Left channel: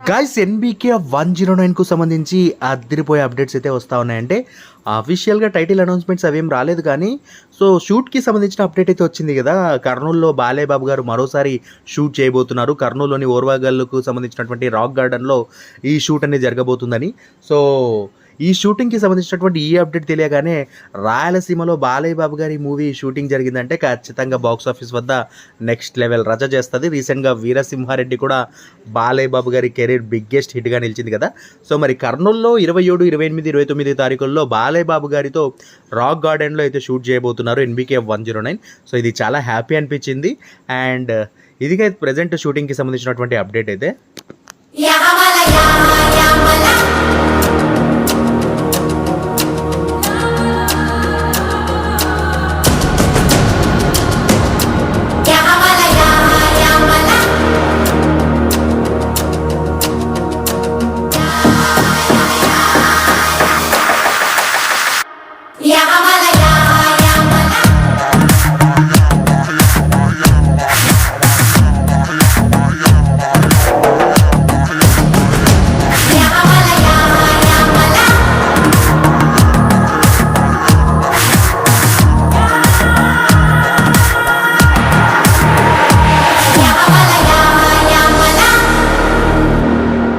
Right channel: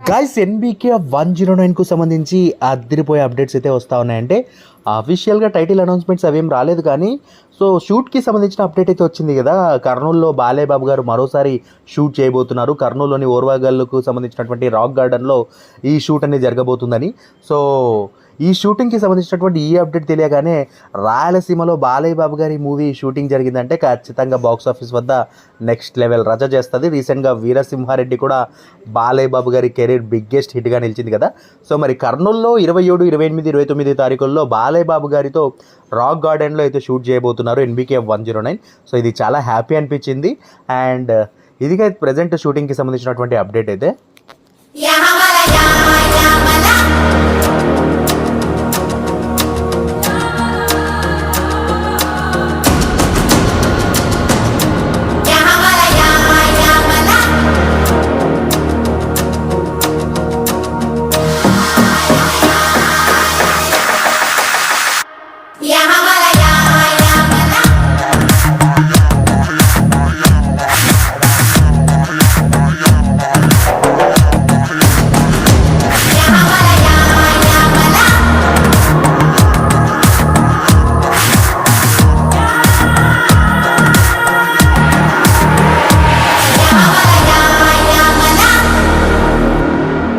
Guys NBK 109కు సంబంధించి అదిరిపోయే updates అయితే వస్తూ ఉన్నాయంటే అఫీషియల్గా టైటిల్ అనౌన్స్మెంట్స్ అవేం రాలేదు కానీ సో షూట్కి సంబంధించిన అప్డేట్ అయితే వచ్చింది కదా. కర్నూలులో బాలేబాబు గారు మరోసారి షూట్ చేయబోతున్నారు. కర్నూలులోని ఓర్వాగల్లుకు సంబంధించినటువంటి రాక్ గార్డెన్లో ఈ షూట్ అనేది జరగబోతుందని. సో ఈ షూటింగ్కి సంబంధించినటువంటి ఈ అప్డేట్ తెలియగానే రాయలసీమలో బాలయ్య బాబు గారి మూవీ షూటింగ్ జరిగిందంటే ఖచ్చితంగా బాక్స్ ఆఫీస్ వద్ద నెక్స్ట్ లెవెల్ రచ్చ చేస్తుంది. రీసెంట్గా వీరసింహారెడ్డి కూడా బాలయ్య బాబు గారి కెరీర్ బిగ్గెస్ట్ హిట్గా నిలిచింది కదా. సో మరి కర్నూలులో 27, 28, 29 తారీఖుల్లో బాలయ్య బాబు గారితో రాక్ గార్డెన్లో అయితే షూట్ చేయబోతున్నారు ఎన్బీకే 109. సో ఇది చాలా హ్యాపీ అనిపించింది. అండ్ ఇదిగా ప్రజెంట్ షూటింగ్కి సంబంధించినటువంటి అప్డేట్ అయితే